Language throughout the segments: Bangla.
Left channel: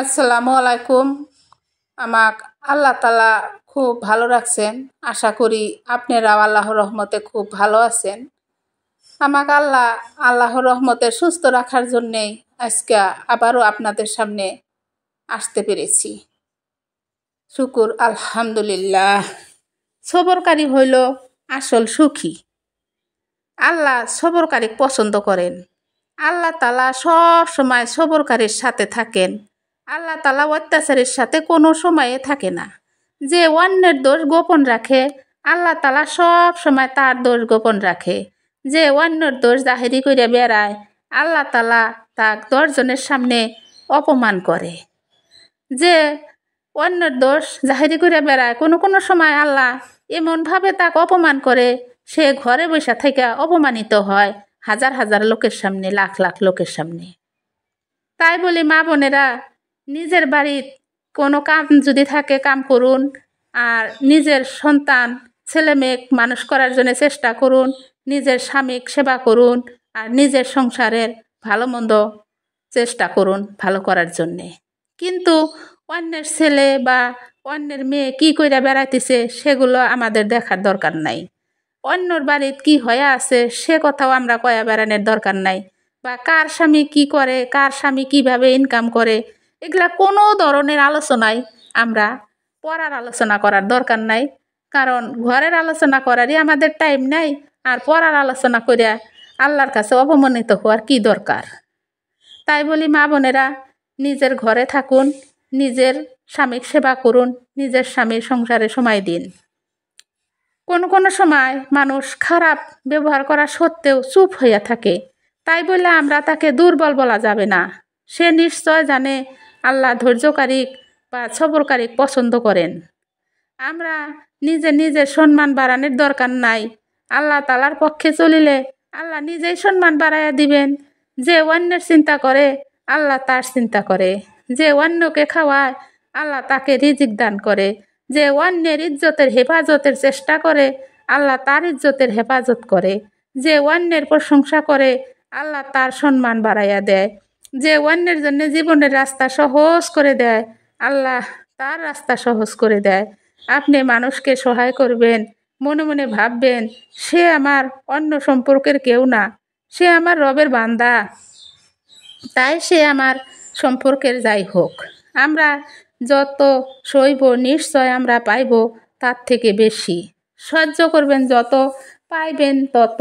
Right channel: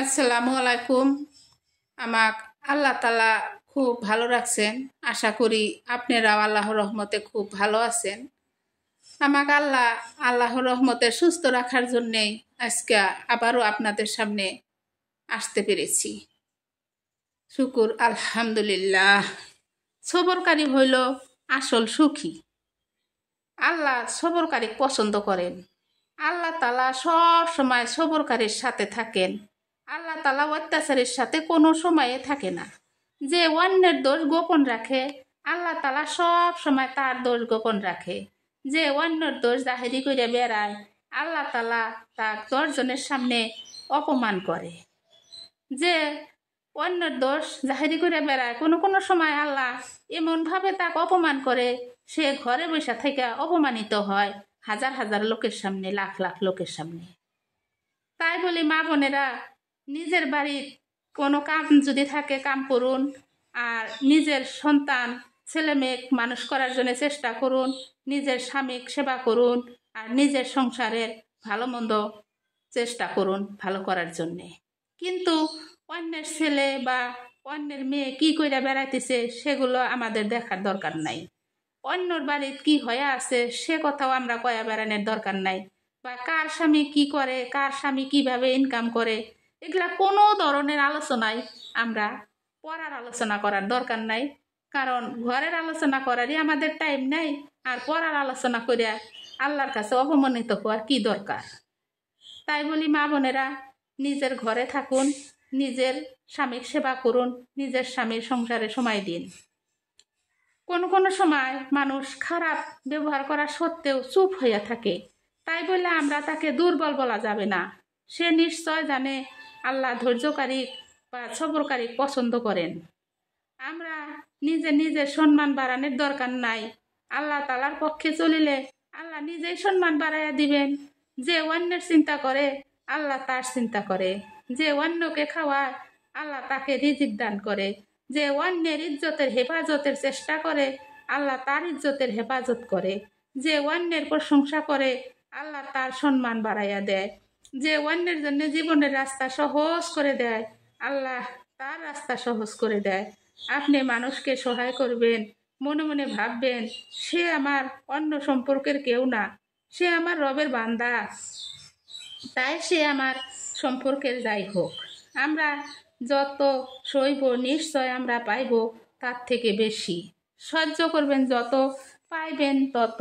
আসসালামু আলাইকুম। আমাক আল্লাহ তালা খুব ভালো রাখছেন। আশা করি আপনারাও আল্লাহর রহমতে খুব ভালো আছেন। আমাক আল্লাহর রহমতে সুস্থ রাখার জন্যেই আজকে আবারও আপনাদের সামনে আসতে পেরেছি। শুকুর আলহামদুলিল্লাহ। সবরকারী হইল আসল সুখী। আল্লাহ সবরকারী পছন্দ করেন। আল্লাহ তালা সব সময় সবরকারীর সাথে থাকেন। আল্লাহ তালা অত্যাচারের সাথে কোনো সময়ে থাকে না। যে অন্যের দোষ গোপন রাখে, আল্লাহ তালা সব সময় তার দোষ গোপন রাখে। যে অন্যের দোষ জাহেরি করে বেড়ায়, আল্লাহ তালা তাক 10 জনের সামনে অপমান করে। যে অন্যের দোষ জাহেরি করে বেড়ায়, কোনো কোনো সময় আল্লাহ এমনভাবে তাকে অপমান করে, সে ঘরে বসে থেকে অপমানিত হয় হাজার হাজার লোকের সামনে, লাখ লাখ লোকের সামনে। তাই বলি মা বোনেরা, নিজের বাড়ির কোনো কাম যদি থাকে কাম করুন, আর নিজের সন্তান ছেলে মেয়ে মানুষ করার জন্য চেষ্টা করুন, নিজের স্বামীর সেবা করুন, আর নিজের সংসারের ভালো মন্দ চেষ্টা করুন ভালো করার জন্যে। কিন্তু অন্যের ছেলে বা অন্যের মেয়ে কি কইরা বেড়াইতেছে সেগুলো আমাদের দেখার দরকার নাই। অন্যর বাড়িতে কি হয়ে আছে সে কথাও আমরা কয়া বেড়ানোর দরকার নাই। বা কার স্বামী কি করে, কার স্বামী কিভাবে ইনকাম করে, এগুলা কোনো ধরনের আলোচনায় আমরা পড়ার আলোচনা করার দরকার নাই। কারণ ঘরের আলোচনা করারই আমাদের টাইম নাই, আর পড়ার আলোচনা করিয়া আল্লাহর কাছে অপমানিত হওয়ার কি দরকার। তাই বলি মা বোনেরা, নিজের ঘরে থাকুন, নিজের স্বামীর সেবা করুন, নিজের স্বামীর সংসারে সময় দিন। কোনো কোনো সময় মানুষ খারাপ ব্যবহার করা সত্ত্বেও চুপ হইয়া থাকে, তাই বলে আমরা তাকে দুর্বল বলা যাবে না। সে নিশ্চয় জানে আল্লাহ ধৈর্যকারী বা সবরকারী পছন্দ করেন। আমরা নিজের সম্মান বাড়ানোর দরকার নাই। আল্লাহ তালার পক্ষে চলিলে আল্লাহ নিজেই সম্মান বাড়াইয়া দিবেন। যে অন্যের চিন্তা করে আল্লাহ তার চিন্তা করে। যে অন্যকে খাওয়ায় আল্লাহ তাকে রিজিক দান করে। যে অন্যের ইজ্জতের হেফাজতের চেষ্টা করে আল্লাহ তার ইজ্জতের হেফাজত করে। যে অন্যের প্রশংসা করে আল্লাহ তার সম্মান বাড়াইয়া দেয়। যে অন্যের জন্য জীবনের রাস্তা সহজ করে দেয় আল্লাহ তার রাস্তা সহজ করে দেয়। আপনি মানুষকে সহায় করবেন, মনে মনে ভাববেন সে আমার অন্য সম্পর্কের কেউ না, সে আমার রবের বান্দা, তাই সে আমার সম্পর্কের যাই হোক। আমরা যত সইব নিশ্চয় আমরা পাইব তার থেকে বেশি। সহ্য করবেন যত, পাইবেন তত।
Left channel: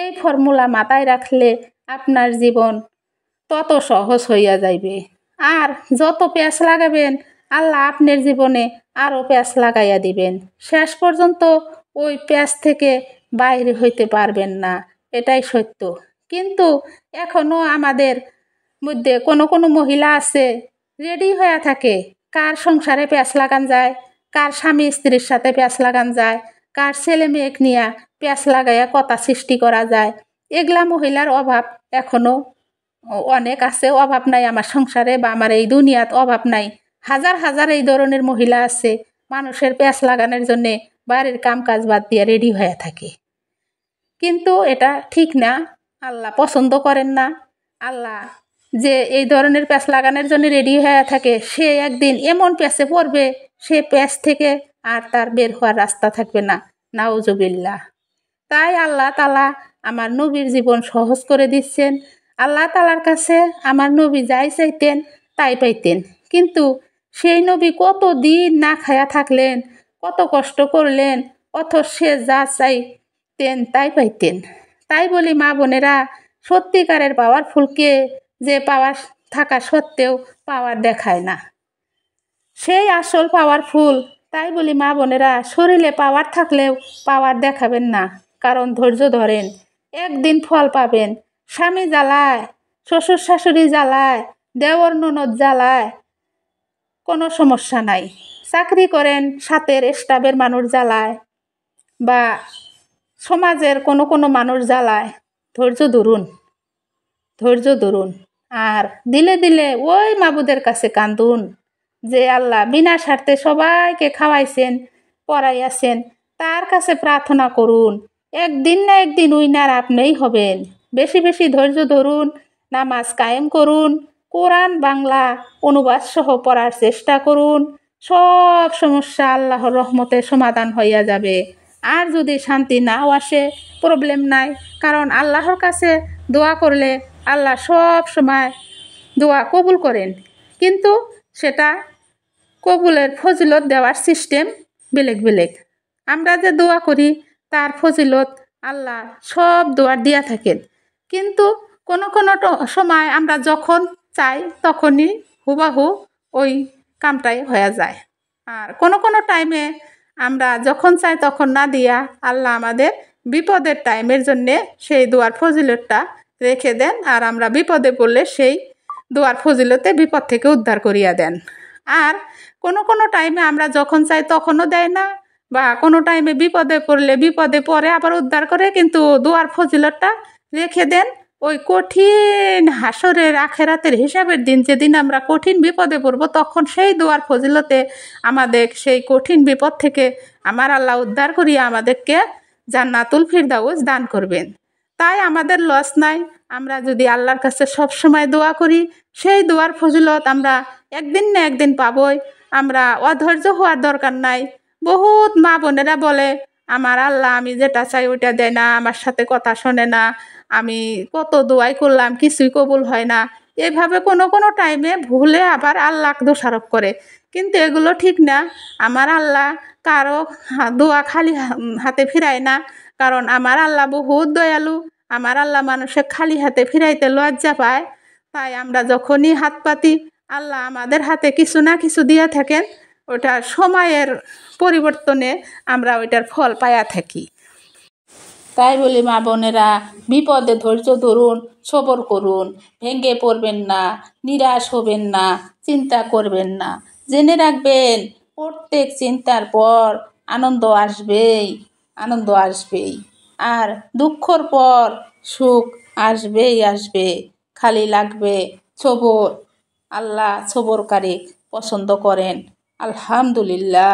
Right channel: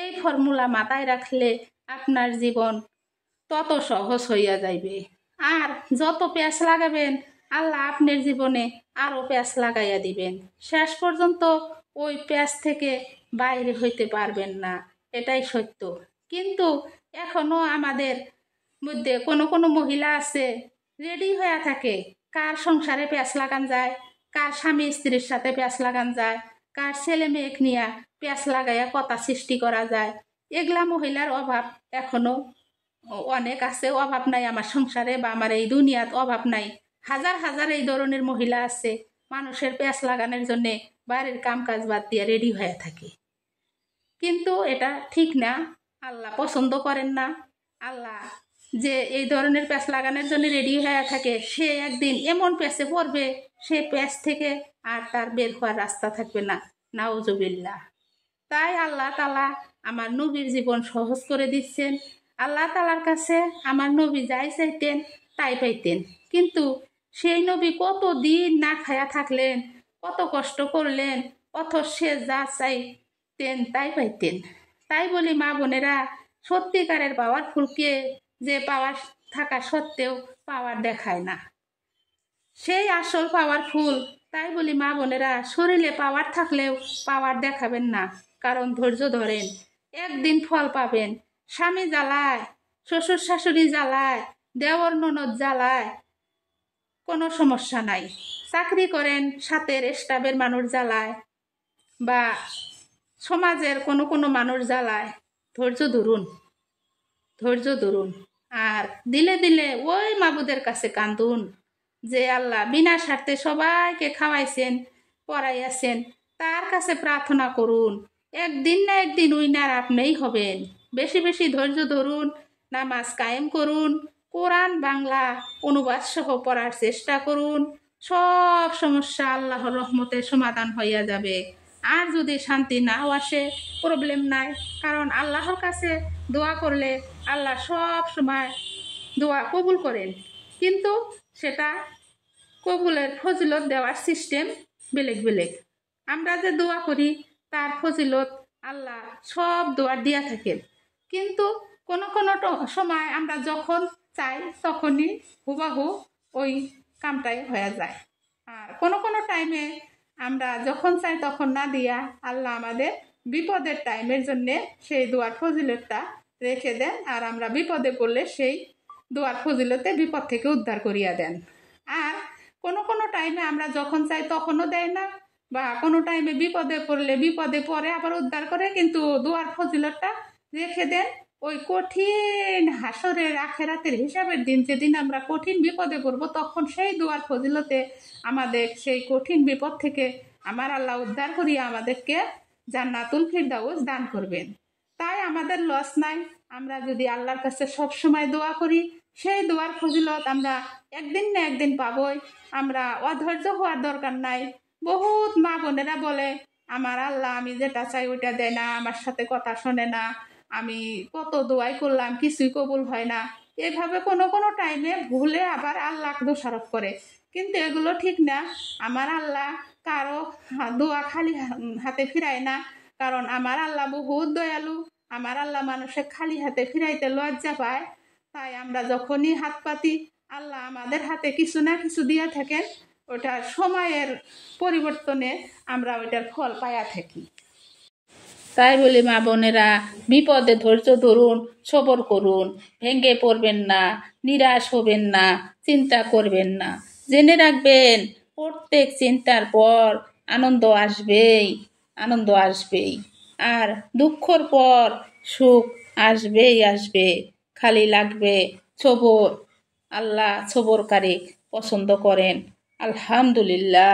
এই ফর্মুলা মাথায় রাখলে আপনার জীবন তত সহজ হইয়া যাইবে। আর যত প্যাঁচ লাগাবেন আল্লাহ আপনার জীবনে আরও প্যাঁচ লাগাইয়া দিবেন। শেষ পর্যন্ত ওই প্যাঁচ থেকে বাইরে হইতে পারবেন না, এটাই সত্য। কিন্তু এখনও আমাদের মধ্যে কোনো কোনো মহিলা আছে রেডি হয়ে থাকে, কার সংসারে প্যাঁচ লাগান যায়, কার স্বামী স্ত্রীর সাথে প্যাঁচ লাগান যায়, কার ছেলে মেয়েক নিয়ে প্যাঁচ লাগাইয়া কথা সৃষ্টি করা যায়। এগুলা মহিলার অভাব এখনও অনেক আছে। অভাব নাই আমার সংসারে বা আমার এই দুনিয়াত অভাব নাই। হাজার হাজার এই ধরনের মহিলা আছে মানুষের প্যাঁচ লাগানোর জন্যে বাড়ির কাম কাজ বাদ দিয়ে রেডি হয়ে থাকে। কিন্তু এটা ঠিক না, আল্লাহ পছন্দ করেন না। আল্লাহ যে এই ধরনের প্যাঁচ লাগানোর জন্য রেডি হয়ে থাকে সে একদিন এমন প্যাঁচে পড়বে, সে প্যাঁচ থেকে আর তার বের হওয়ার রাস্তা থাকবে না। নাউজুবিল্লাহ। তাই আল্লাহ তালা আমার নবীর জীবন সহজ করে দিচ্ছেন। আল্লাহ তালার কাছে আমার নবী যাই চাইতেন তাই পাইতেন। কিন্তু সেই নবী কত দিন না খায়া থাকলেন, কত কষ্ট করলেন, অথচ সে যা চাইতেন তাই পাইতেন। তাই বলি মা বোনেরা, সত্যিকারের পাওয়ারফুলকে যে পাওয়ার থাকা সত্ত্বেও পাওয়ার দেখায় না, সেই আসল পাওয়ারফুল। তাই বলি মা বোনেরা, শরীরে পাওয়ার থাকলেও পাওয়ার দেখাবেন না, কারণ ধৈর্য ধরেন, একদিন ফল পাবেন। স্বামী জ্বালায়, শ্বশুর শাশুড়ি জ্বালায়, দেওর ননদ জ্বালায়, কোনো সমস্যা নাই। চাকরি করেন সাথের স্টাফের মানুষ জ্বালায়, বা সমাজের কোনো কোনো মানুষ জ্বালায়। ধৈর্য ধরুন, ধৈর্য ধরুন। আর দিলে দিলে ওই মাবুদের কাছে কান্দুন যে আল্লাহ বিনা স্বার্থে সবাইকে খাওয়াইছেন, পড়াইয়াছেন, তার কাছে প্রার্থনা করুন। একদিন না একদিন উইনার আপনিই হবেন। বেশি বেশি ধৈর্য ধরুন, নামাজ কায়েম করুন, কোরআন বাংলা অনুবাদ সহ পড়ার চেষ্টা করুন। সব সমস্যা আল্লাহর রহমতে সমাধান হইয়া যাবে। আর যদি শান্তি নাও আসে, প্রবলেম নাই, কারণ আল্লাহর কাছে দোয়া করলে আল্লাহ সব সময় দোয়া কবুল করেন। কিন্তু সেটা কবুলের ফজিলত দেওয়ার সিস্টেম বেলেগ বেলেগ। আমরা যে দোয়া করি তার ফজিলত আল্লাহ সব দোয়ার দিয়া থাকেন, কিন্তু কোনো কোনো সময় আমরা যখন চাই তখনই হুবাহু ওই কামটাই হয়ে যায়। আর কোনো কোনো টাইমে আমরা যখন চাই তখন না দিয়া আল্লাহ আমাদের বিপদের টাইমের জন্যে সেই দোয়ার ফজিলতটা রেখে দেন, আর আমরা বিপদে পড়লে সেই দোয়ার ফজিলতে বিপদ থেকে উদ্ধার করিয়া দেন। আর কোনো কোনো টাইমে আমরা যখন চাই তখনও দেয় না, বা কোনো টাইমে বিপদে পড়লে বিপদে পড়ে আবার উদ্ধার করে, কিন্তু দোয়ার ফজিলতটা রেখে দেন ওই কঠিন হাসরের আখেরাতের হিসাবের দিন, যেদিন আমরা কঠিন বিপদে পড়ব, তখন সেই দোয়ার ফজিলতে আমাদের সেই কঠিন বিপদ থেকে আমার আল্লাহ উদ্ধার করিয়া আমাদেরকে জান্নাতুল ফিরদাউস দান করবেন। তাই আমাদের লস নাই, আমরা যদি আল্লাহর কাছে সব সময় দোয়া করি সেই দোয়ার ফজিলত আমরা একদিন না একদিন পাবই। আমরা অধৈর্য হওয়ার দরকার নাই। বহুত মা বোনেরা বলে, আমার আল্লাহ আমি যেটা চাই ওইটা দেয় না, আমার সাথে কথা শোনে না, আমি কত দোয়াই করলাম কিছুই কবুল হয় না। এভাবে কোনো কোনো টাইমে ভুলে আবার আল্লাহকে দোষারোপ করে, কিন্তু এগুলো ঠিক না। আমার আল্লাহ কারো দোয়া খালি হাতে ফিরায় না, কারণ আমার আল্লাহ বহুত দয়ালু। আমার আল্লাহ মানুষের খালি হাতে ফিরাইতে লজ্জা পায়। তাই আমরা যখনই হাত পাতি আল্লাহ আমাদের হাতে কিছু না কিছু দিয়ে থাকেন, ওটা সময়ের পরিবর্তনে আমরা ওইটার ফল পাইয়া থাকি। তাই বলি মা বোনেরা, বিপদে ধৈর্য ধরুন, সবর করুন, ভেঙে পড়বেন না, নিরাশ হবেন না, চিন্তা করবেন না। জেনে রাখবেন প্রত্যেক চিন্তার পর আনন্দ আসবেই, আনন্দ আসবেই। আর দুঃখর পর সুখ আসবেই আসবে, খালি লাগবে সবর। আল্লাহ সবরকারী পছন্দ করেন। আলহামদুলিল্লাহ।